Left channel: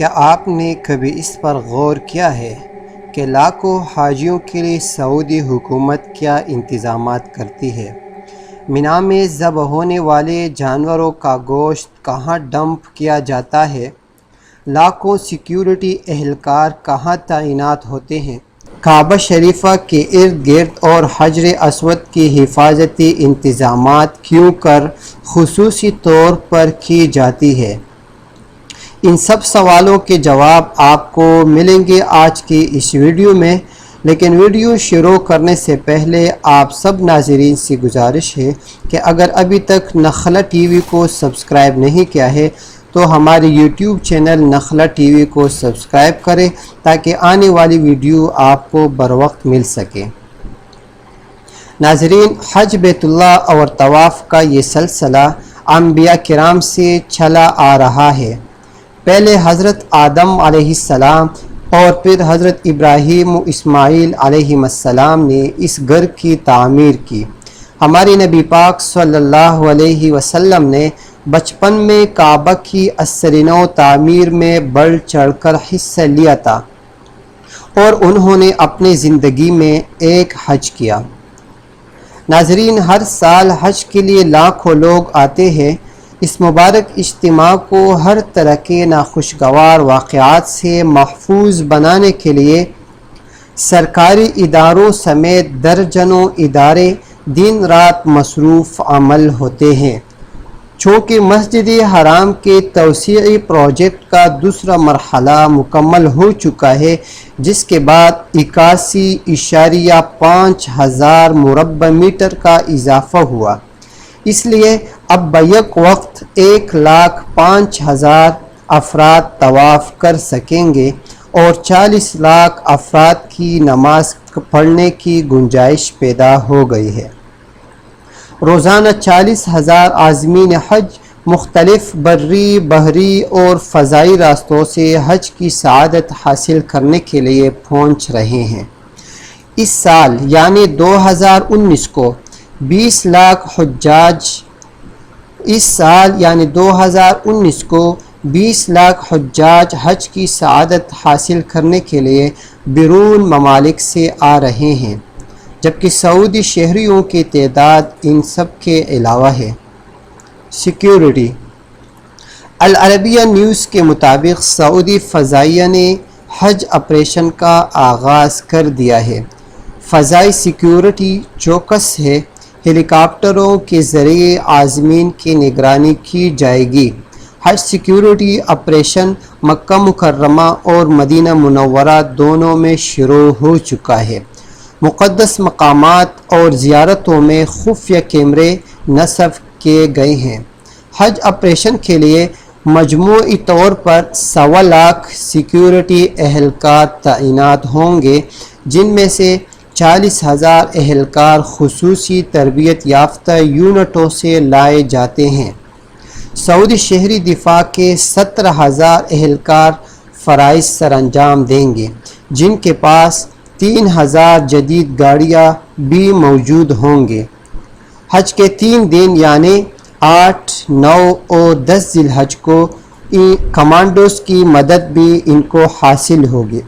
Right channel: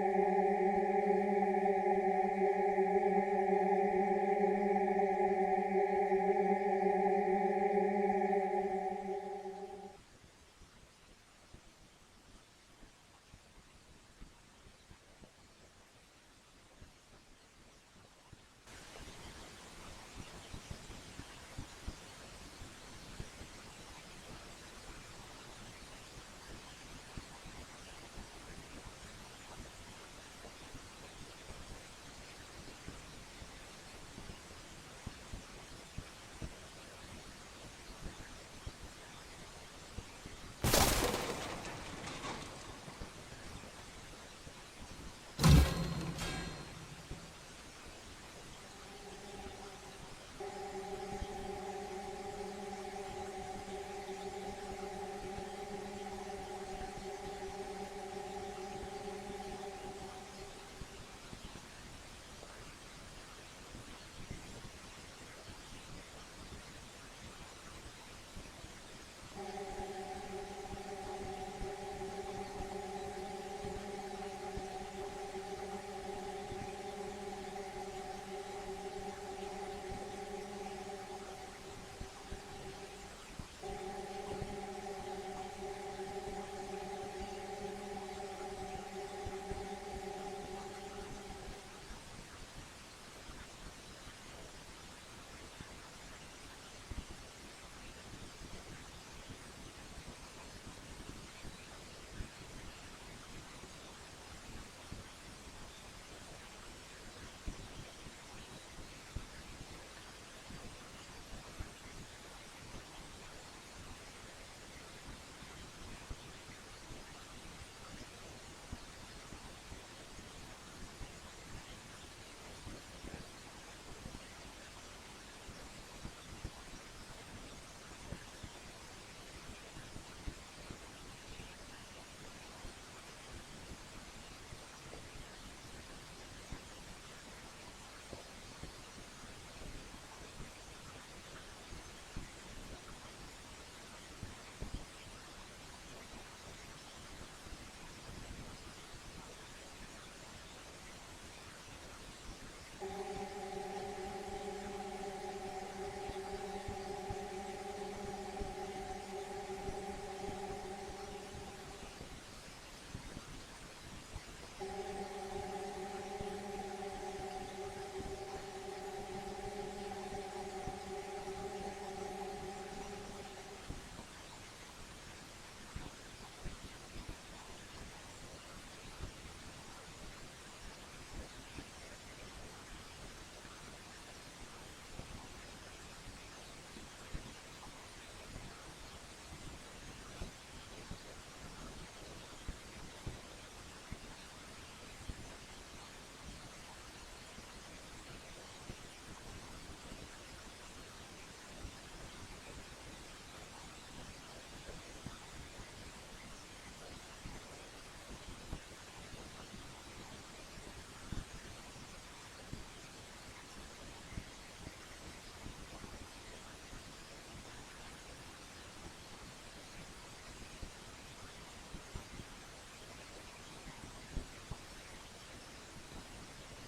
کیا آپ نے کبھی اس پر غور کیا ہے کہ لاکھوں حاجیوں کے لیے سعودی حکومت کیا انتظامات کرتی ہے؟ مینا میں ذبح ہونے والے جانوروں کا گوشت کہاں ڈمپ کیا جاتا ہے؟ لاکھوں سیکیورٹی اہلکار کہاں تعینات ہوتے ہیں؟ کعبہ شریفہ کے ارد گرد اور حجر اسود کی حفاظتی انتظامات کیوں کر خصوصی طور پر کی جاتی ہے؟ ان سب سوالوں کے جواب آپ کو ملیں گے آج کی اس ویڈیو میں، لیکن ویڈیو شروع کرنے سے پہلے آپ سب ناظرین سے گزارش ہے کہ اگر ابھی تک نخلہ ٹی وی کو سبسکرائب نہیں کیا ہے تو ہمارے یوٹیوب چینل نخلہ ٹی وی کو سبسکرائب کریں تاکہ آنے والی ویڈیو آپ کو بروقت مل سکے۔ ناظرین، حج بیت اللہ اور طواف کا یہ سلسلہ انبیاء کرام سے چلا آ رہا ہے۔ پہلے حضرت آدم علیہ السلام اور پھر حضرت ابراہیم و اسماعیل علیہ السلام نے اس گھر کی تعمیر کی۔ ہمارے نبی پاک صلی اللہ علیہ وسلم نے بچپن میں کعبہ کی اثر نو تعمیر میں بڑھ چڑھ کر حصہ لیا تھا اور انہوں نے اپنی زندگی میں ایک حج کیا۔ ناظرین، ہر سال حج کے لیے لاکھوں لوگ آتے ہیں۔ اس مبارک اجتماع کو ہر طرح کے ناخوشگوار واقعات سے محفوظ بنانے کے لیے سرکاری اداروں سمیت درجنوں ادارے دن رات مصروف عمل ہوتے ہیں۔ چونکہ مسجد حرام کے توسیعی پروجیکٹ کا دوسرا مرحلہ مکمل ہو چکا ہے، جس کے بعد 81.5 ہزار مربع میٹر کا اضافہ ہوا، اس لیے اب بیک وقت 1,05,000 افراد طواف کر سکیں گے اور 40 لاکھ افراد کی نماز پڑھنے کی گنجائش پیدا ہو گئی ہے۔ روزانہ 40,000 عازمین حج مختلف بری، بحری اور فضائی راستوں سے حج کی سعادت حاصل کرنے کے لیے پہنچ رہے ہیں۔ اس سال یعنی 2019 کو 20 لاکھ حجاج حج کی سعادت حاصل کرنے کے لیے بیرون ممالک سے آ رہے ہیں، جبکہ سعودی شہریوں کی تعداد ان سب کے علاوہ ہے۔ سیکیورٹی۔ العربیہ نیوز کے مطابق سعودی فضائیہ نے حج آپریشن کا آغاز کر دیا ہے۔ فضائی سیکیورٹی چوکس ہے۔ ہیلی کاپٹروں کے ذریعے عازمین کی نگرانی کی جائے گی۔ حج سیکیورٹی آپریشن مکہ مکرمہ اور مدینہ منورہ دونوں میں شروع ہو چکا ہے۔ مقدس مقامات اور زیارتوں میں خفیہ کیمرے نصب کیے گئے ہیں۔ حج آپریشن کے لیے مجموعی طور پر 1.25 لاکھ سیکیورٹی اہلکار تعینات ہوں گے، جن میں سے 40,000 اہلکار خصوصی تربیت یافتہ یونٹوں سے لائے جاتے ہیں۔ سعودی شہری دفاع کے 17,000 اہلکار فرائض سر انجام دیں گے، جن کے پاس 3,000 جدید گاڑیاں بھی موجود ہوں گے۔ حج کے 3 دن یعنی 8، 9 اور 10 ذی الحج کو کمانڈوز کی مدد بھی ان کو حاصل ہوگی۔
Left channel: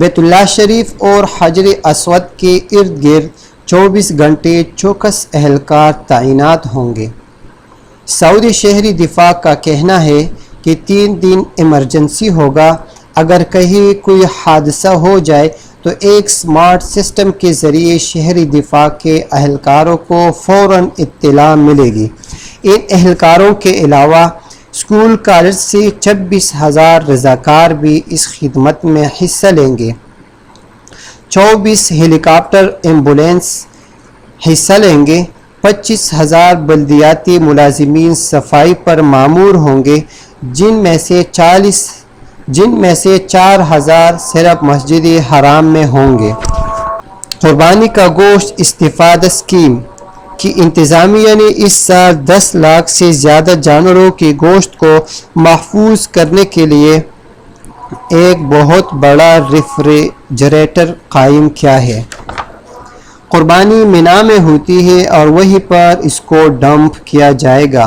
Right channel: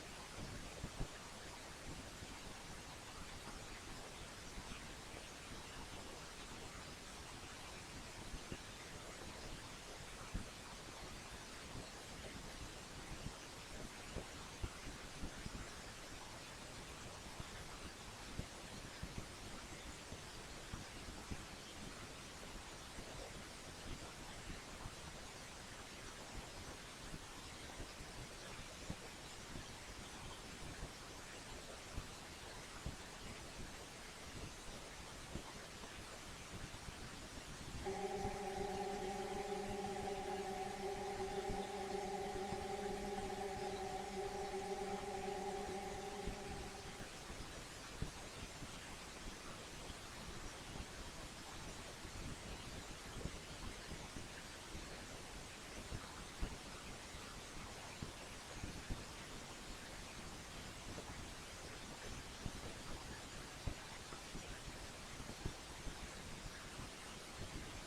بیت اللہ شریف اور حجر اسود کے ارد گرد 24 گھنٹے چوکس اہلکار تعینات ہوں گے۔ سعودی شہری دفاع کا کہنا ہے کہ 3 دن ایمرجنسی ہوگا۔ اگر کہیں کوئی حادثہ ہو جائے تو ایک سمارٹ سسٹم کے ذریعے شہری دفاع کے اہلکاروں کو فوراً اطلاع ملے گی۔ ان اہلکاروں کے علاوہ اسکول کالج سے 26,000 رضاکار بھی اس خدمت میں حصہ لیں گے۔ 24 ہیلی کاپٹر ایمبولینس حصہ لیں گے۔ 25,000 بلدیاتی ملازمین صفائی پر مامور ہوں گے، جن میں سے 4,000 صرف مسجد حرام میں ہوں گے۔ قربانی کا گوشت استفادہ اسکیم کی انتظامیہ نے اس سال 10 لاکھ سے زیادہ جانوروں کے گوشت کو محفوظ کرنے کے لیے ایک بہت بڑا ریفریجریٹر قائم کیا ہے۔ قربانی مینا میں ہوتی ہے اور وہیں پر اس کو ڈمپ کیا جائے گا۔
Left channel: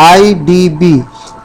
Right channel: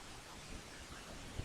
IDB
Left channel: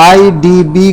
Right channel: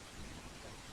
IDB